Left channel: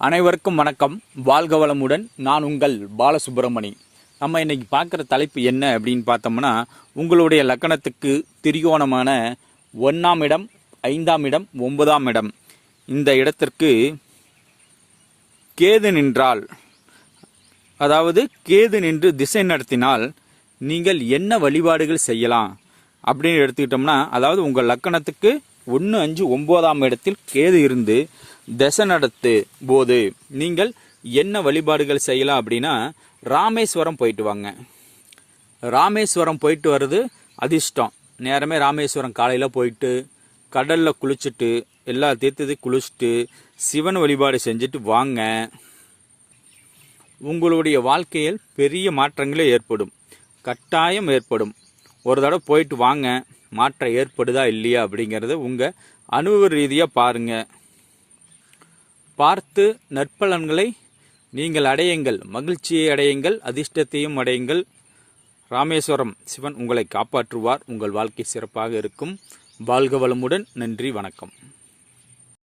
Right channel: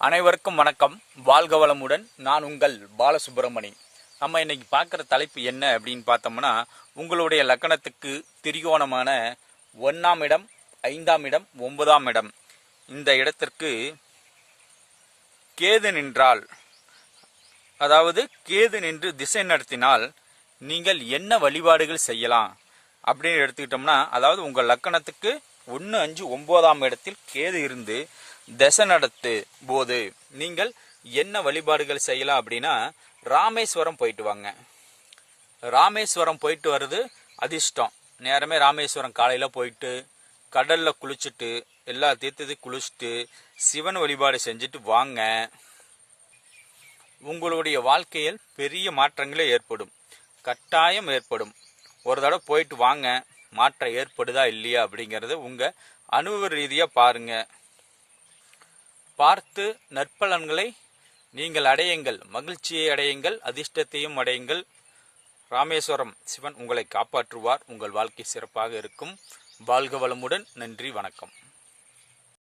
அனைவருக்கும் வணக்கம். வாழ்க வளமுடன். நான் உங்கள் பாலசுப்ரமணி. நம்ம இன்னைக்கு பார்க்குற தலைப்பு என்ன அப்படின்னு பார்த்தோம்னா, உங்களுடைய லக்கணத்துக்கு திரிகோணமான 1ஆம் இடம், 5ஆம் இடம், 9ஆம் இடம் இந்த இடத்திற்கு கேது நின்றால், அதாவது கேது நின்று திசை நடத்தினால் நீங்கள் என்ன வழிபாடுகள் செய்யலாம் அப்படின்னு எடுத்துக்கிட்டோம்னா, அதாவது உங்கள் லக்கணத்துக்கு 1, 5, 9ஆம் இடத்தில் கேது இருந்து திசை நடத்து போது நீங்கள் என்ன வழிபாடுகள் செய்யலாம் அப்படின்னா, ராமேஸ்வரம் போயிட்டு வாங்க. ராமேஸ்வரம் போயிட்டு வர்றது அதிர்ஷ்டம். நேரமே ராமேஸ்வரம் காலையில் போயிட்டு கடலில் குளிச்சுட்டு எல்லா தீர்த்தத்தையும் குளிச்சுட்டு சிவன் வழிபாடு செஞ்சுட்டு வாங்க. உங்களுடைய வாழ்க்கையில் பெரிய மாற்றங்களே ஏற்படும், கட்டாயம் ஏற்படும். ஒரு தடவை போயிட்டு வாங்க, மாற்றம் ஏற்படுதா இல்லையா அப்படிங்கிறத உங்கள் அனுபவ ரீதியாக பாருங்கள். பார்த்து நற்பலன்களை நீங்கள் அடையுங்கள், மகிழ்ச்சியை அடையுங்கள், அதிர்ஷ்டத்தையும் அடையுங்கள். ராமேஸ்வரம் சிவன் உங்களை காப்பாற்றுவார். உங்கள் வாழ்க்கை சிறப்பாக இருக்கும். வாழ்க வளமுடன். நன்றி, வணக்கம்.